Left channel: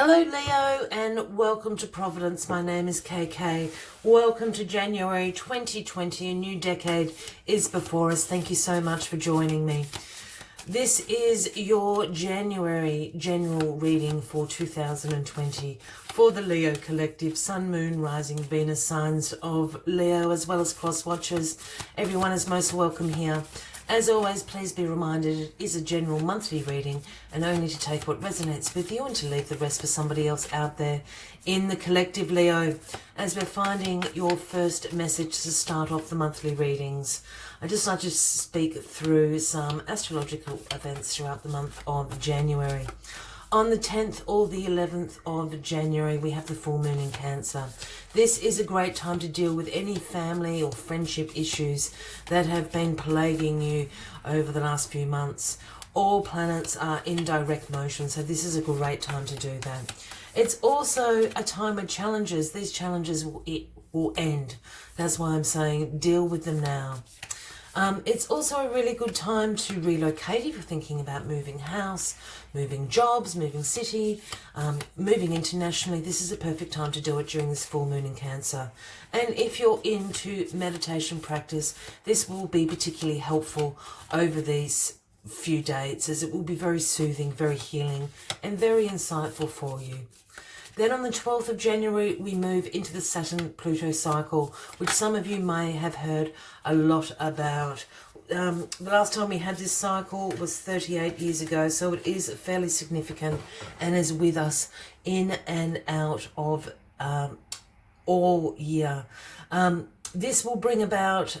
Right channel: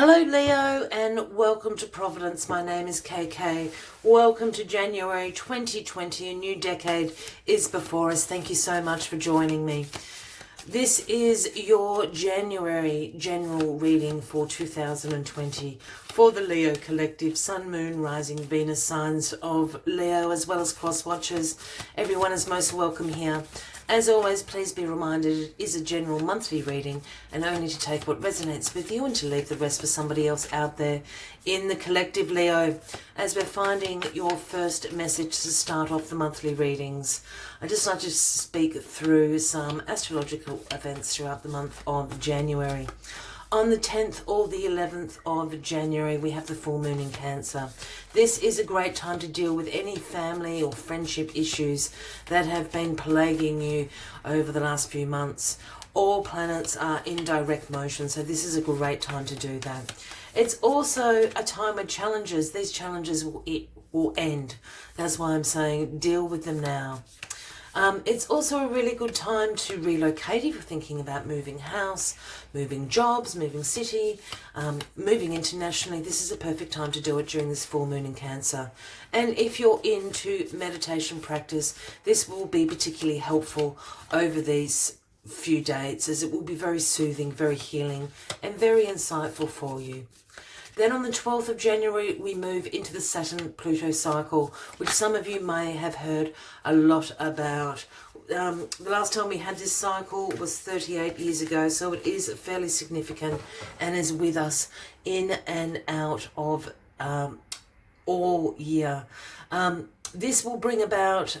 Hello Leo and welcome to Providence. My name is KK. Welcome to January 2020. A new decade is before us. Thank you so much for joining me. This is your January general reading for 2020 for the Leo Collective, Sun, Moon, Rising, Venus signs of Leo, as well as cross watchers. Everyone is most welcome here. As always, please be reminded it is a general monthly reading and only to take what resonates with you and to leave the rest for somebody else out there in the collective, Leo. As we're finding your first message to start off the monthly readings, I'd just like to speak through some astrological events throughout the month of January. On the 10th or the 11th of January, we have the full moon in Cancer. This is a great time to deal with any family or friendship issues that have been plaguing you over the last few months. All planets are in direct motion, so this is a great time to do that. It's also a time when these challenges will end. That's why I'm saying deal with them now. It's also a really good time to relocate if you're thinking about moving house, moving jobs, moving city, moving internationally. This is a perfect time to do it during this full moon in Cancer. And if you're into meditation practice, this will be particularly helpful over these few dates, as it will be very soothing, very healing, and very insightful for you. Then on the 12th of January, we move into the Saturn-Pluto cycle, which some of you may have heard a lot about. The last time we had this cycle was 38 years ago, so it is fairly significant and is with us in and out of all year. This will bring about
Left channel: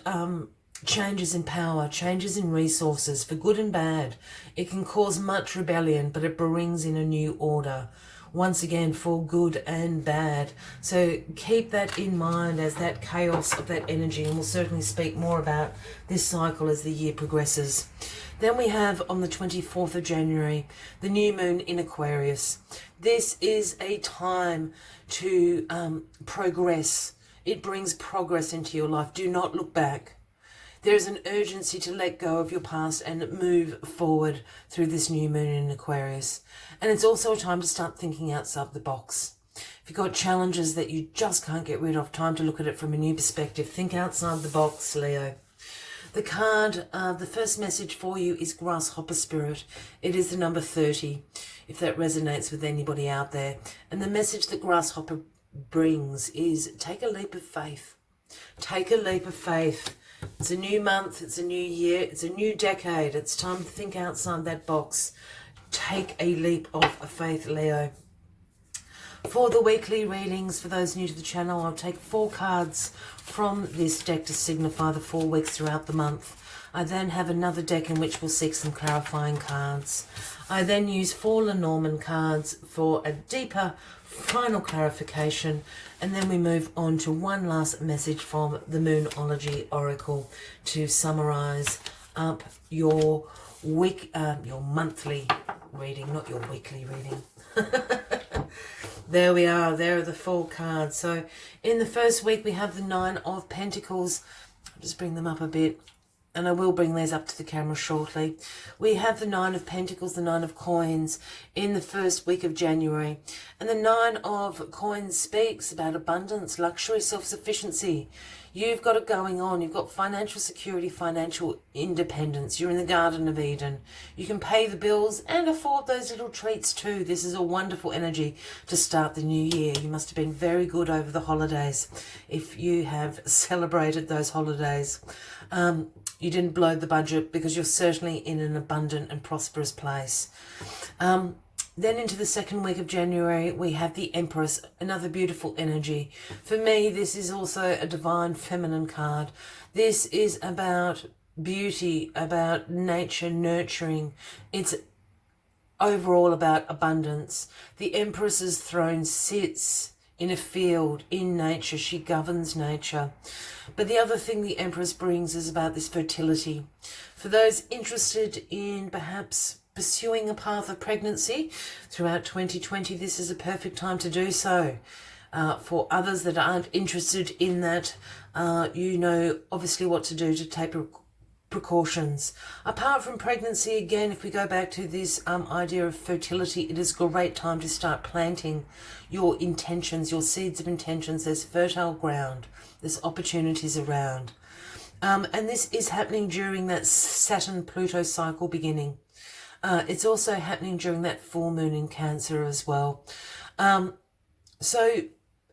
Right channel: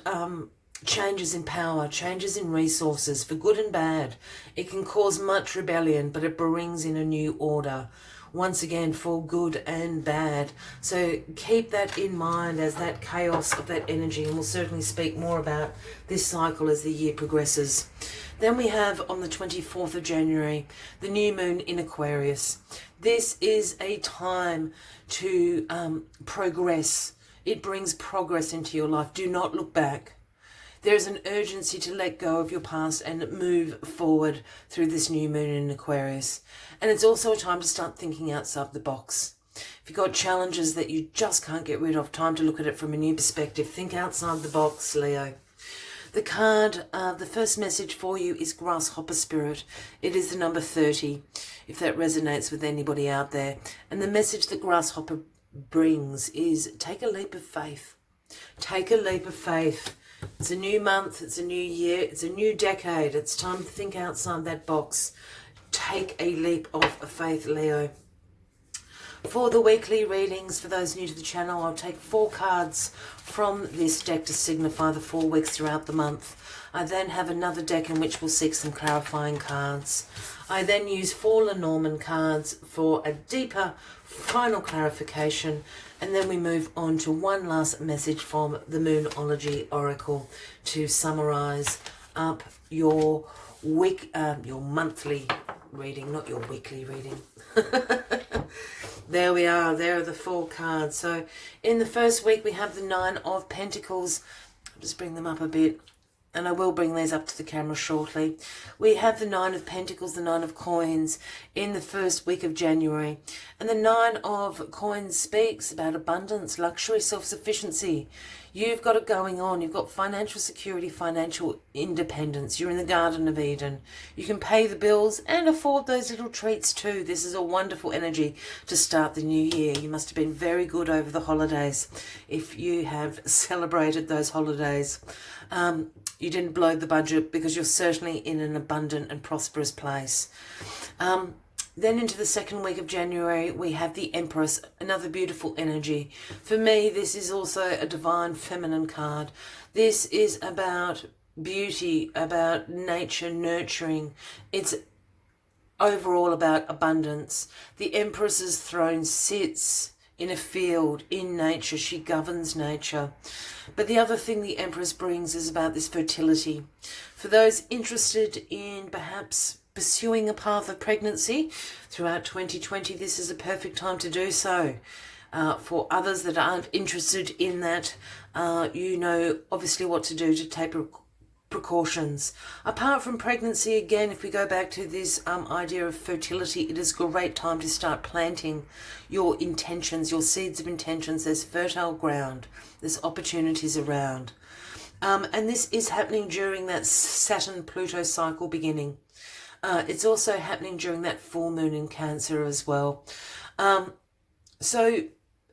changes in power, changes in resources, for good and bad. It can cause much rebellion, but it brings in a new order. Once again, for good and bad. So keep that in mind as that chaos of that energy, and we'll certainly speak more about this cycle as the year progresses. Then we have on the 24th of January, the new moon in Aquarius. This is a time to progress. It brings progress into your life. Do not look back. There is an urgency to let go of your past and move forward through this new moon in Aquarius. And it's also a time to start thinking outside the box. If you've got challenges that you just can't get rid of, time to look at it from a new perspective. Think outside the box, Leo. The card, the first message for you is Grasshopper Spirit. It is the number 30, if that resonates with anybody out there. And the message that Grasshopper brings is take a leap of faith. Take a leap of faith. It's a new month, it's a new year, it's a new decade. It's time to think outside that box. Take a leap of faith, Leo. For the weekly readings, for those new to the channel, I'll take 4 cards from this deck to signify the 4 weeks throughout the month. I then have another deck in which we'll seek some clarifying cards. I then use 4 Lenormand cards for a deeper final clarification, and then we move on to one last message from the Moonology Oracle to summarize up your monthly reading, not your weekly reading. There we are. There are the 4 cards. So in the first week we have the 9 of Pentacles. I'll just bring them up a bit, and I will bring these up to the camera shortly. We have the 9 of Pentacles, the 9 of Coins in the first week of January. And the 9 of Coins speaks about abundance, luxury, self-sufficiency. You've got it going on. You've got financial security, financial independence. You're in the Garden of Eden. You can pay the bills and afford those little treats too. This is a wonderful energy to start the new year. You must have been very good over the holidays if you have celebrated those holidays. You didn't blow the budget because you're certainly in an abundant and prosperous place. Then into the second week of January, we have the Empress, another beautiful energy. For me, this is also a divine feminine card. This is about beauty, about nature, nurturing. It's overall about abundance. The Empress's throne sits in a field, in nature. She governs nature. But the other thing the Empress brings is about this fertility. For those interested in perhaps pursuing a path of pregnancy throughout 2020, this is a perfect time to do so. For others that aren't interested in that, you know obviously what to do to take precautions. Apart from pregnancy, again, if we go back to this idea of fertility, it is a great time to start planting your intentions, your seeds of intentions. There's fertile ground, there's opportunities around. And this is happening during that Saturn-Pluto cycle beginning. It's also happening during that full moon in Cancer as well. So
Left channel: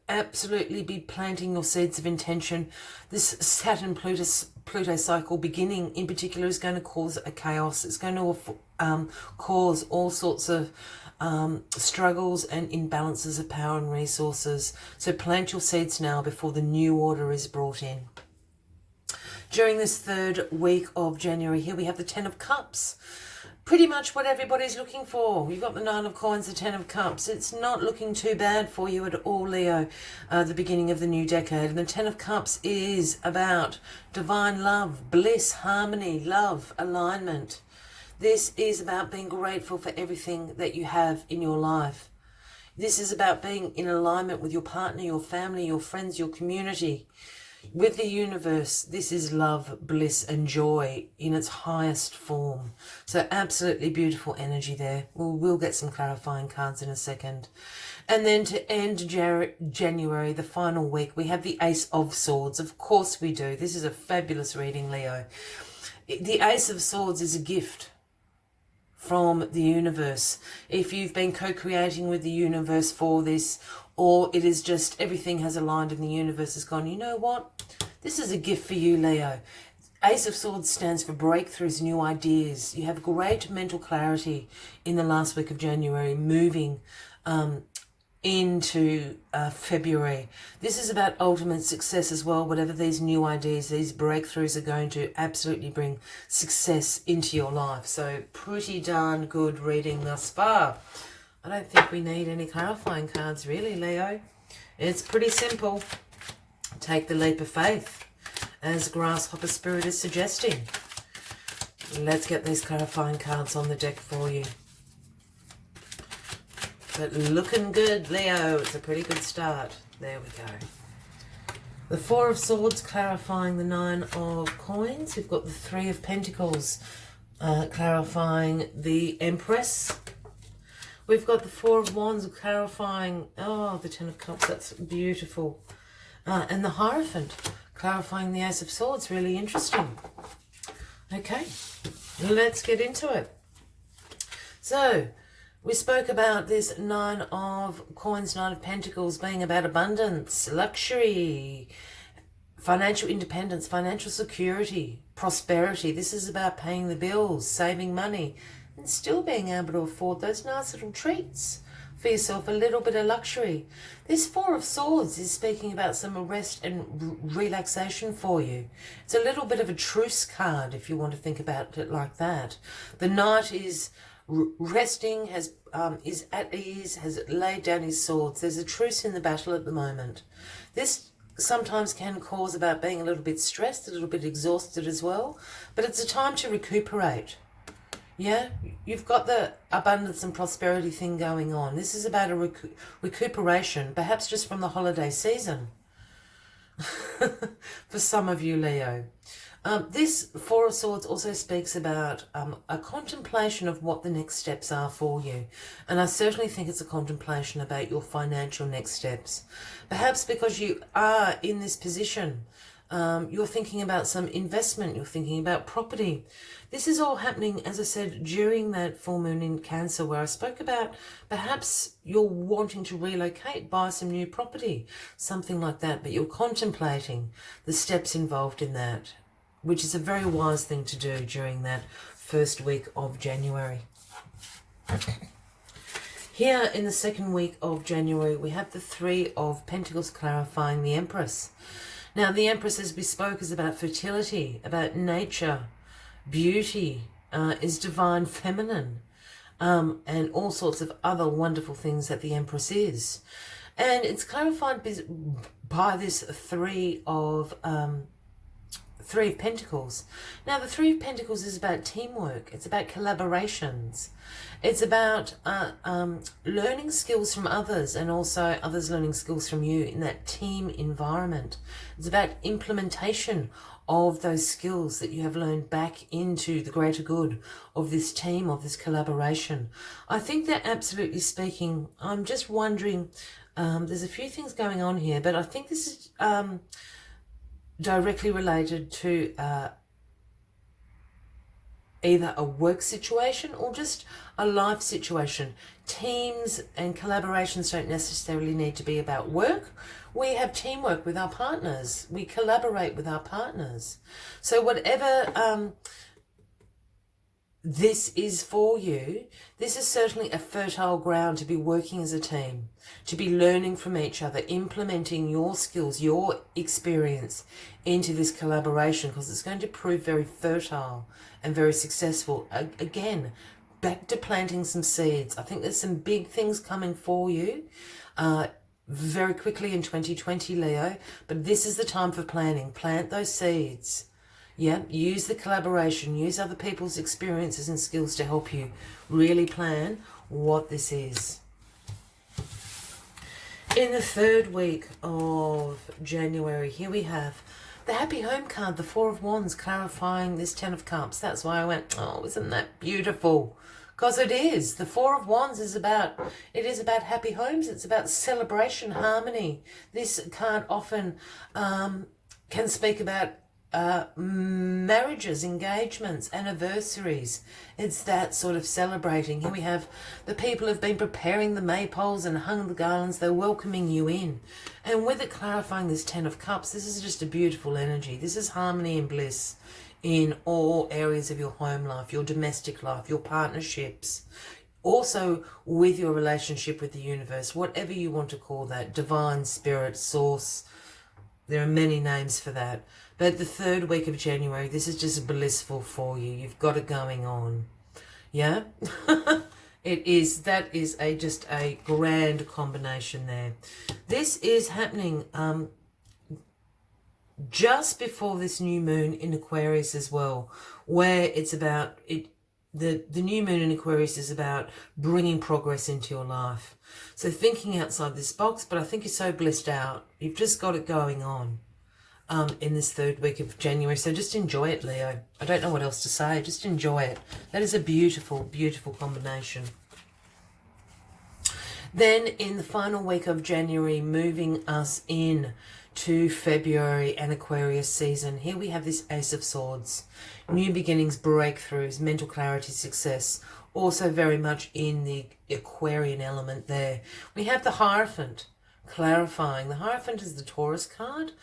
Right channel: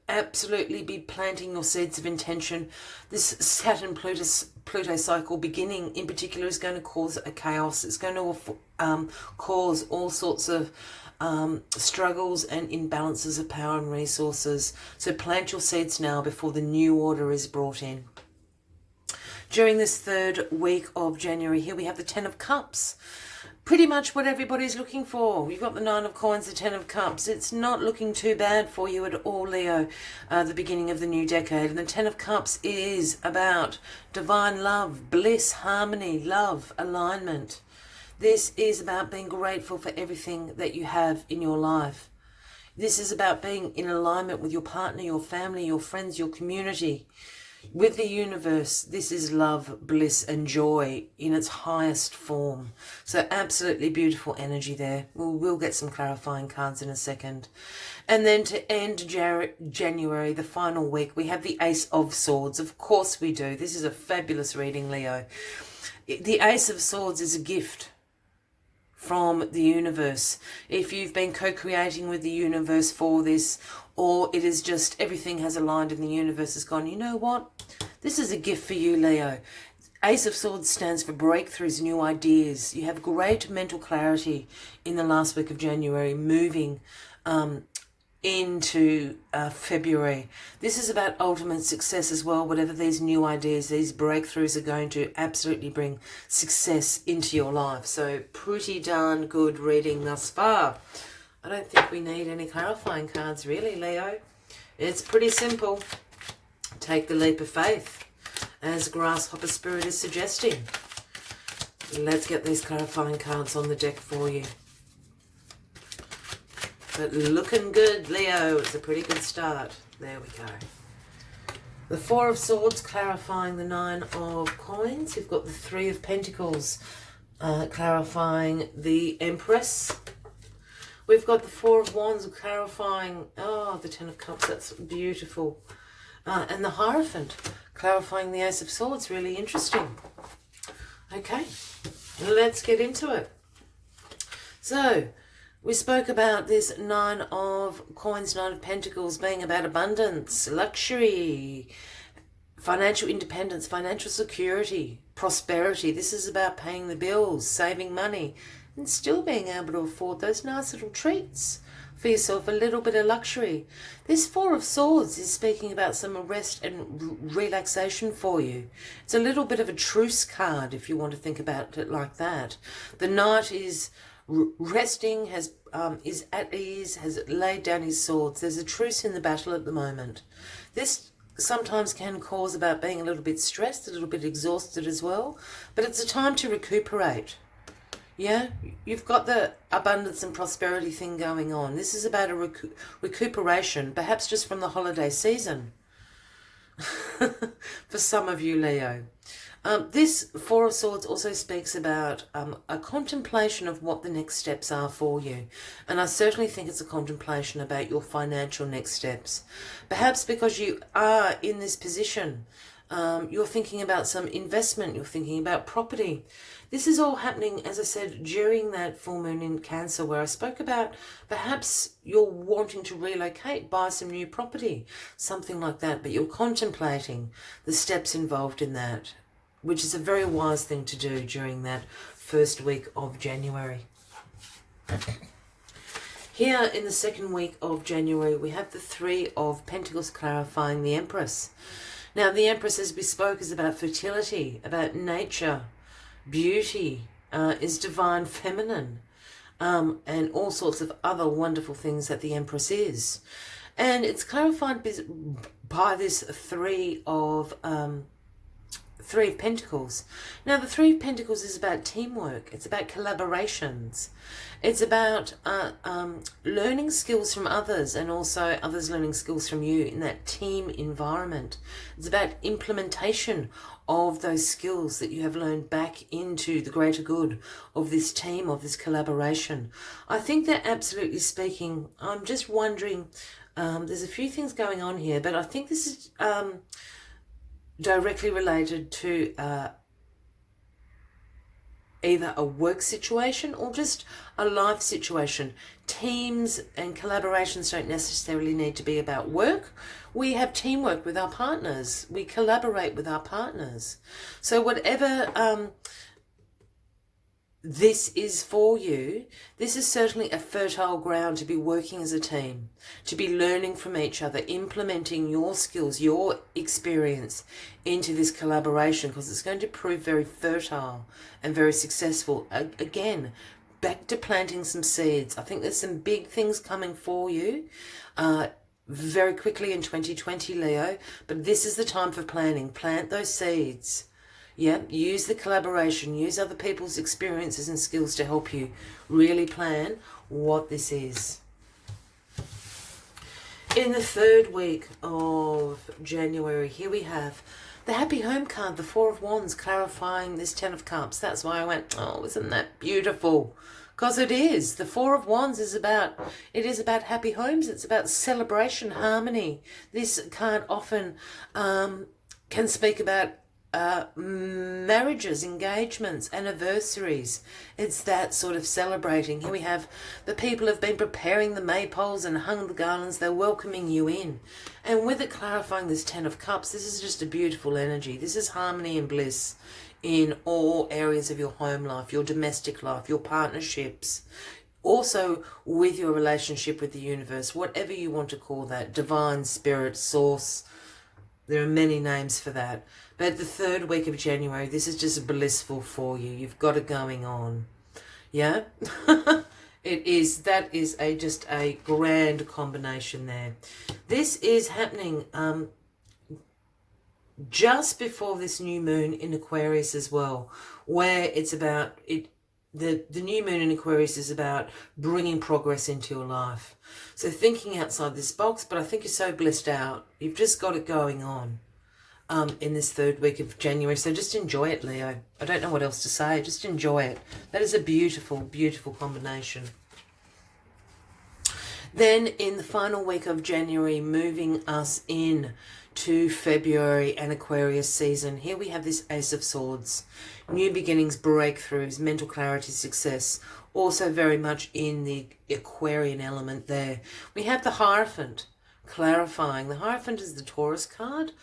absolutely be planting your seeds of intention. This Saturn-Pluto cycle beginning in particular is going to cause a chaos. It's going to cause all sorts of struggles and imbalances of power and resources. So plant your seeds now before the new order is brought in. During this third week of January here, we have the Ten of Cups. Pretty much what everybody's looking for. We've got the Nine of Coins, the Ten of Cups. It's not looking too bad for you at all, Leo, the beginning of the new decade. And the Ten of Cups is about divine love, bliss, harmony, love, alignment. This is about being grateful for everything that you have in your life. This is about being in alignment with your partner, your family, your friends, your community. With the universe, this is love, bliss and joy in its highest form. So absolutely beautiful energy there. We'll get some clarifying cards in a second. And then to end January, the final week, we have the Ace of Swords. Of course we do. This is a fabulous reading, Leo. The Ace of Swords is a gift from the universe. If you've been co-creating with the universe for this, or it is just everything has aligned and the universe has gone, you know what? This is a gift for you, Leo. Ace of Swords stands for breakthroughs, new ideas. You have great mental clarity in the last week of January, moving into February. This is about ultimate success as well. Whatever these new ideas, these breakthroughs are going to absolutely bring success into your life. So pretty darn good reading thus far. I don't think we need any clarifying cards really, Leo. It's pretty simple. Take the leap of faith, as Grasshopper Spirit is suggesting. Let's get these clarifying cards on the deck for you. But looking good, Leo. It's a pretty good start. There we go. The Four of Swords clarifying the Nine of Coins. We've got the Three of Pentacles clarifying the Empress. We've got the Four of Wands clarifying, the Ten of Cups, that's beautiful. And the Hierophant clarifying the Ace of Swords, really interesting. Okay, let's get into it. So, we spoke about this Nine of Coins, Nine of Pentacles being about abundance, luxury, financial independence, financial security, prosperity. This is about paying the bills, saving money, and still being able to afford those nice little treats for yourself, a little bit of luxury. This Four of Swords is speaking about some rest and relaxation for you. It's a little bit of a truce card if you want to think about it like that. The Knight is resting, is at ease, has laid down his swords. There's a truce in the battle at the moment. This sometimes can cause about being a little bit stressed, a little bit exhausted as well, but it's a time to recuperate. Yeah, you've got the abundance and prosperity thing going on. This is about a recuperation, perhaps just from the holiday season. For some of you, Leo. This Four of Swords also speaks about a contemplation of what the next steps are for you. And I certainly think it's a contemplation about your financial next steps. Perhaps because you are in this position, you're thinking about some investment, you're thinking about property. This is all happening, as I said, during that full moon in Cancer, where I spoke about perhaps you're wanting to relocate, buy some new property, something like that, but you're contemplating the steps involved in that, which is a very wise thing to do during that first week of January. Here in the second week of January, we have the Three of Pentacles clarifying the Empress. Now, the Empress, as we spoke, is about fertility, about nature, beauty, is divine feminine, and all sorts of other wonderful things that the Empress is. And it's clarified by this Three of Pentacles. Now, the Three of Pentacles is about teamwork. It's about collaborations. It's about learning skills from others and also others learning skills from you in that team environment. It's about implementation of those skills that you have learned back into the greater good of this team, of this collaboration. I think they're absolutely speaking. I'm just wondering, there's a few things going on here, but I think this is directly related to either a work situation or just a life situation. Teams and collaborations don't necessarily need to be about work. We have teamwork with our partners. We collaborate with our partners. So whatever this is for you, this is certainly a fertile ground to be working as a team, to be learning from each other, implementing your skills, your experience into this collaboration, because it's going to prove very fertile and very successful. Again, back to planting some seeds. I think there's some big things coming for you very quickly in 2020, Leo, but this is the time for planning. Plant those seeds. Yeah, use the collaboration, use other people's experiences and skills to help you really plan what this is. In the third week of January, here we have the Happy Home card, the Four of Wands, clarifying this Ten of Cups. That's why I went, oh, isn't that beautiful? Because it is. The Four of Wands is about happy homes. It's about celebration, harmony. This card often can speak about marriages, engagements, anniversaries. It's that sort of celebrating. Here we have the people have been preparing the maypoles and hung the garlands. They're welcoming you in. And with it clarifying this Ten of Cups, this is just a beautiful energy. This is harmony and bliss in all areas of your home life, your domestic life, your partnerships, also with your relationship with the universe, whatever you want to call that, divine spirit, source. There are many names for that. But the third week of January, this is just blissful for you. You've got it going on. Yeah? That is just a grand combination there. This is happening just before this new moon in Aquarius as well, where it's about the new moon in Aquarius is about bringing progress into your life. So thinking outside this box, but I think you're so blissed out. You've just got it going on in this third week of January. So just enjoy it, Leo. I don't know what else to say. Just enjoy it. That is a beautiful, beautiful combination. Then in the final week of January, moving us in to February and Aquarius season, here we have this Ace of Swords. New beginnings, breakthroughs, mental clarity, success. Also very much in the Aquarian element there. We have the Hierophant, clarifying. The Hierophant is the Taurus card.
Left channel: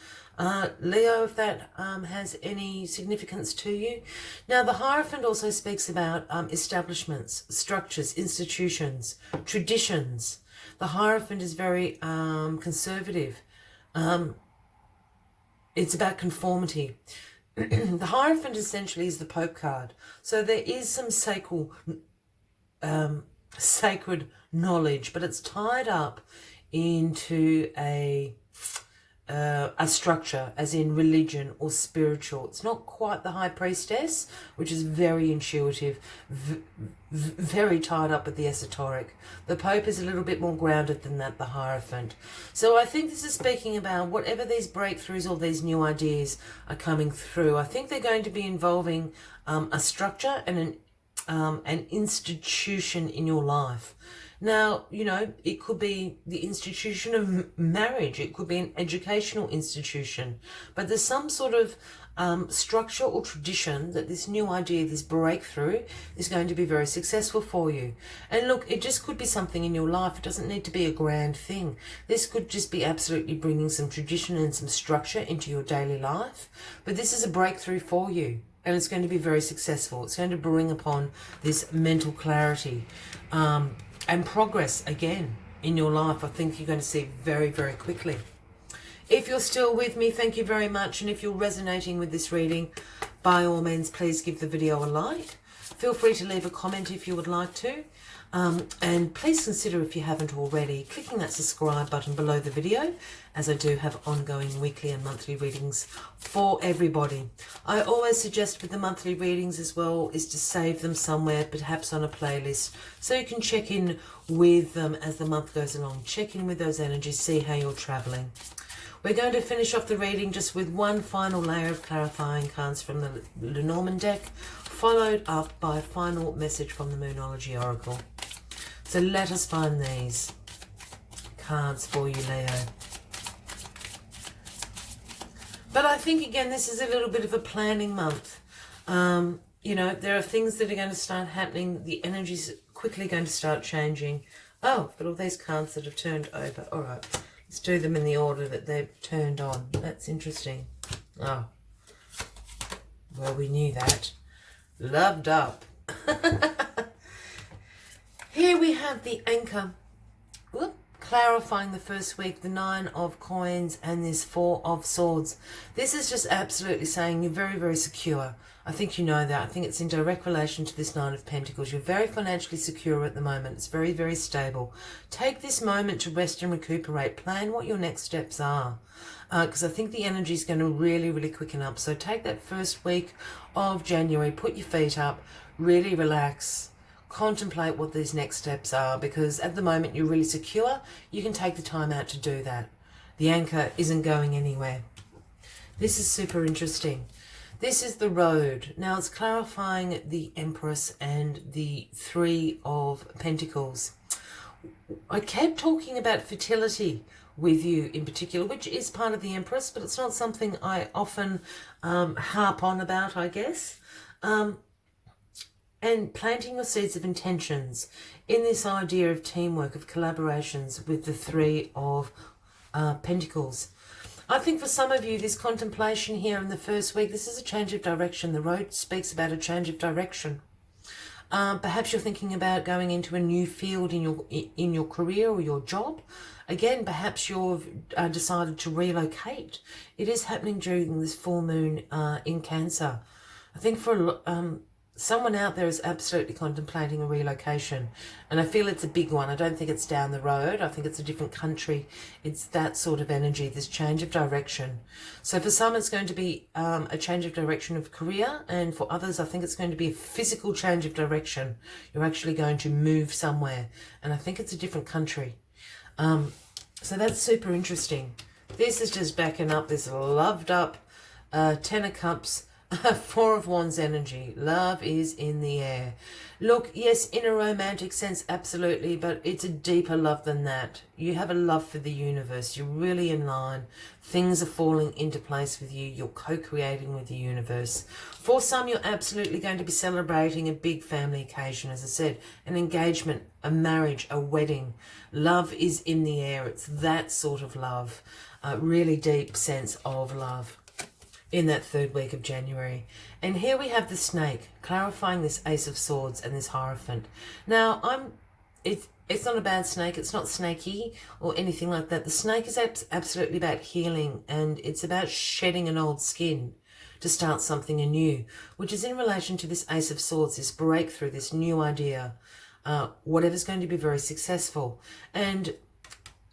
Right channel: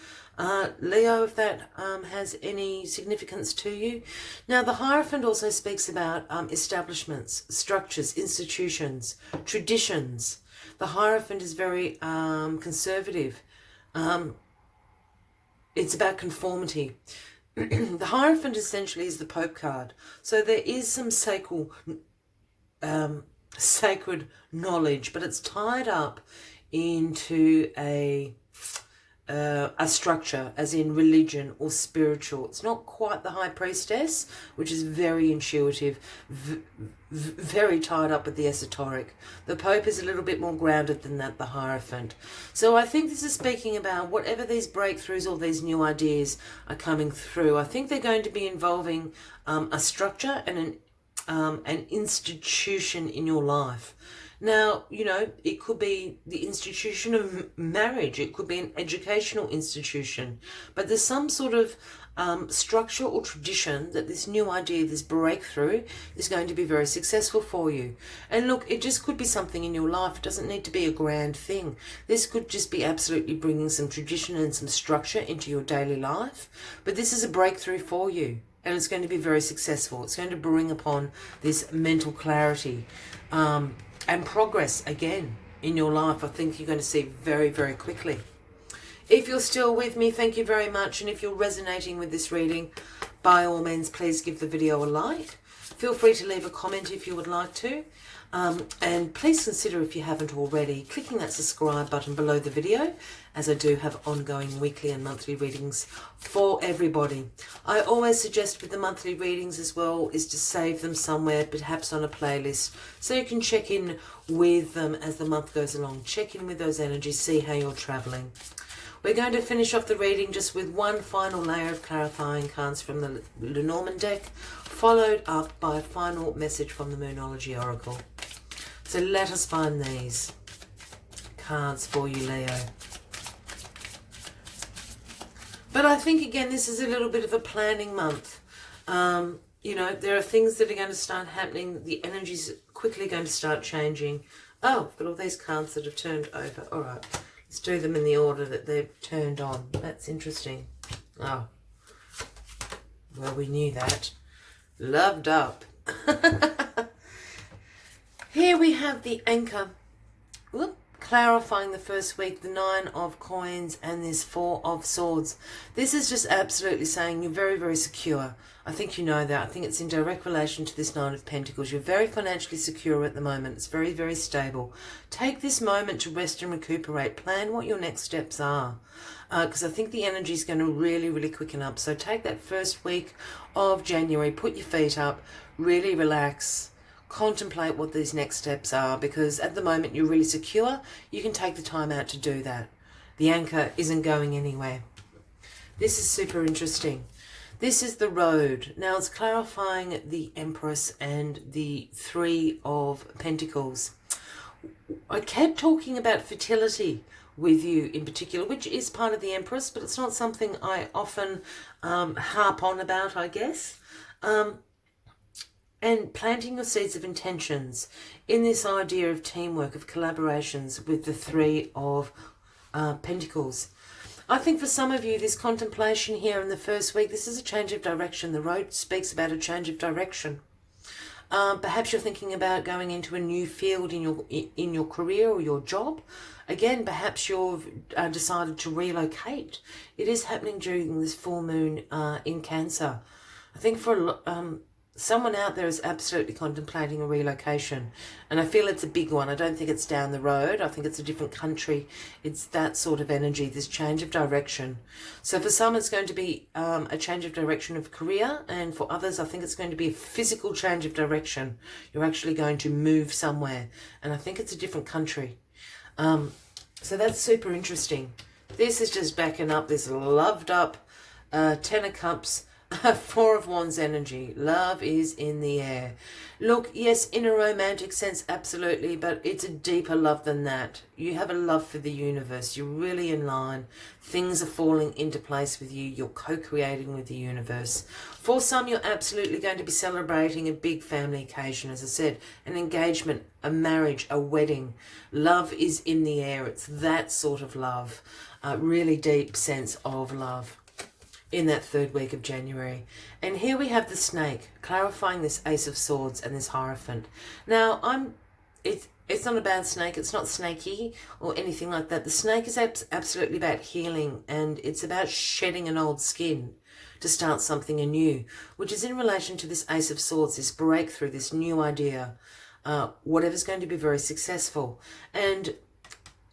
Leo, if that has any significance to you. Now, the Hierophant also speaks about establishments, structures, institutions, traditions. The Hierophant is very conservative. It's about conformity. The Hierophant essentially is the Pope card. So there is some sacred knowledge, but it's tied up into a structure, as in religion or spiritual. It's not quite the High Priestess, which is very intuitive, very tied up with the esoteric. The Pope is a little bit more grounded than that, the Hierophant. So I think this is speaking about whatever these breakthroughs or these new ideas are coming through. I think they're going to be involving a structure and an institution in your life. Now, you know, it could be the institution of marriage. It could be an educational institution. But there's some sort of structure or tradition that this new idea, this breakthrough, is going to be very successful for you. And look, it just could be something in your life. It doesn't need to be a grand thing. This could just be absolutely bringing some tradition and some structure into your daily life. But this is a breakthrough for you. And it's going to be very successful. It's going to bring upon this mental clarity. And progress again in your life. I think you're going to see very, very quickly. If you're still with me, thank you very much. And if you're resonating with this reading, by all means, please give the video a like. Feel free to leave a comment if you would like to. And please consider, if you haven't already, clicking that subscribe button below the video, as I do have ongoing weekly and monthly readings for everybody. I always suggest with the monthly readings as well is to save them somewhere, perhaps on a playlist, so you can check in with them as the month goes along. Check in with those energies, see how you're traveling. We're going to finish off the reading just with one final layer of clarifying cards from the Lenormand deck, followed up by a final message from the Moonology Oracle. So let us find these cards for you, Leo. But I think, again, this is a little bit of a planning month. You know, there are things that are going to start happening. The energy's quickly going to start changing. Oh, I've got all these cards that have turned over. All right. Let's do them in the order that they've turned on. That's interesting. Oh. Well, we knew that. Loved up. Here we have the anchor. Whoop. Clarifying the first week, the 9 of coins and this 4 of swords. This is just absolutely saying you're very, very secure. I think you know that. I think it's in direct relation to this 9 of Pentacles. You're very financially secure at the moment. It's very, very stable. Take this moment to rest and recuperate. Plan what your next steps are. Because I think the energy is going to really, really quicken up. So take that first week of January. Put your feet up. Really relax. Contemplate what these next steps are. Because at the moment you're really secure. You can take the time out to do that. The anchor isn't going anywhere. This is super interesting. This is the road. Now it's clarifying the Empress and the 3 of Pentacles. I kept talking about fertility with you in particular, which is part of the Empress, but it's not something I often harp on about, I guess. And planting your seeds of intentions in this idea of teamwork, of collaborations with the 3 of Pentacles. I think for some of you, this contemplation here in the first week, this is a change of direction. The road speaks about a change of direction. Perhaps you're thinking about going into a new field in your career or your job. Again, perhaps you've decided to relocate. It is happening during this full moon in Cancer. I think for someone out there is absolutely contemplating a relocation, and I feel it's a big one. I don't think it's down the road. I think it's a different country. It's that sort of energy, this change of direction. So for some, it's going to be a change of direction of career, and for others, I think it's going to be a physical change of direction. You're actually going to move somewhere, and I think it's a different country. So that's super interesting. This is just backing up this loved up 10 of Cups, 4 of Wands energy. Love is in the air. Look, yes, in a romantic sense, absolutely, but it's a deeper love than that. You have a love for the universe. You're really in line. Things are falling into place with you. You're co-creating with the universe. For some, you're absolutely going to be celebrating a big family occasion, as I said, an engagement, a marriage, a wedding. Love is in the air. It's that sort of love, a really deep sense of love in that third week of January. And here we have the snake, clarifying this Ace of Swords and this Hierophant. Now, it's not a bad snake. It's not snaky or anything like that. The snake is absolutely about healing, and it's about shedding an old skin to start something anew, which is in relation to this Ace of Swords, this breakthrough, this new idea, whatever's going to be very successful. And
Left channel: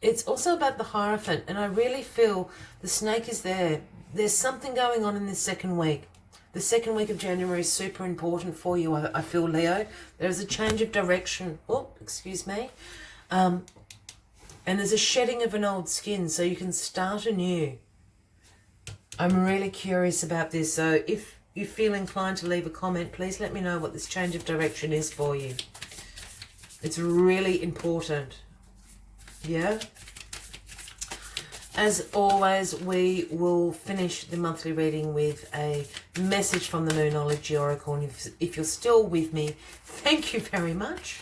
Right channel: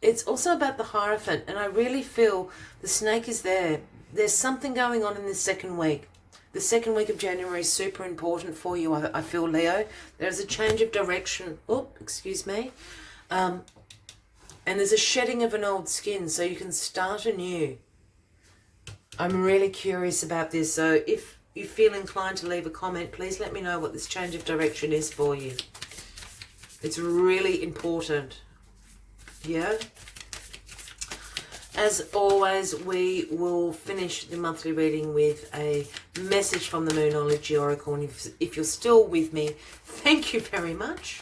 it's also about the Hierophant, and I really feel the snake is there. There's something going on in this second week. The second week of January is super important for you, I feel, Leo. There's a change of direction. Oh, excuse me. And there's a shedding of an old skin, so you can start anew. I'm really curious about this, so if you feel inclined to leave a comment, please let me know what this change of direction is for you. It's really important. Yeah? As always, we will finish the monthly reading with a message from the Moonology Oracle. And if you're still with me, thank you very much.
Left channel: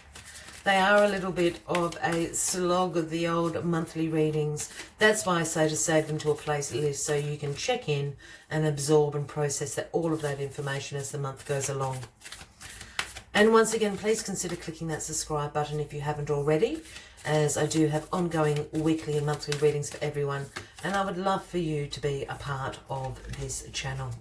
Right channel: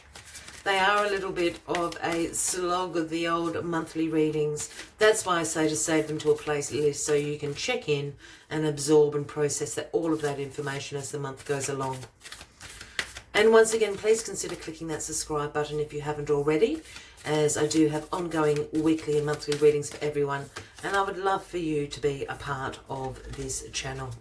They are a little bit of a slog of the old monthly readings. That's why I say to save them to a playlist so you can check in and absorb and process all of that information as the month goes along. And once again, please consider clicking that subscribe button if you haven't already, as I do have ongoing weekly and monthly readings for everyone, and I would love for you to be a part of this channel.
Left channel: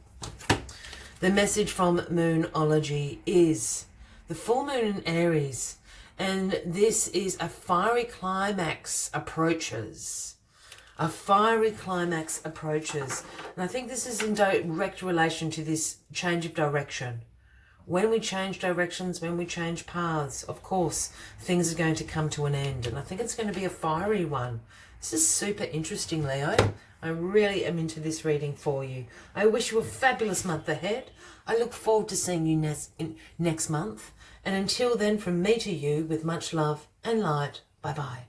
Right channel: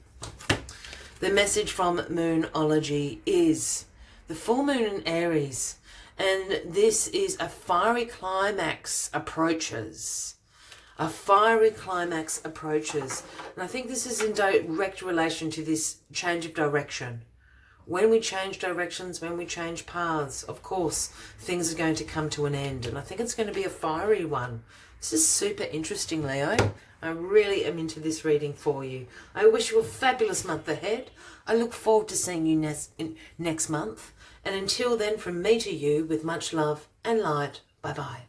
The message from Moonology is the full moon in Aries, and this is a fiery climax approaches. A fiery climax approaches. And I think this is in direct relation to this change of direction. When we change directions, when we change paths, of course, things are going to come to an end. And I think it's going to be a fiery one. This is super interesting, Leo. I really am into this reading for you. I wish you a fabulous month ahead. I look forward to seeing you next month. And until then, from me to you, with much love and light, bye-bye.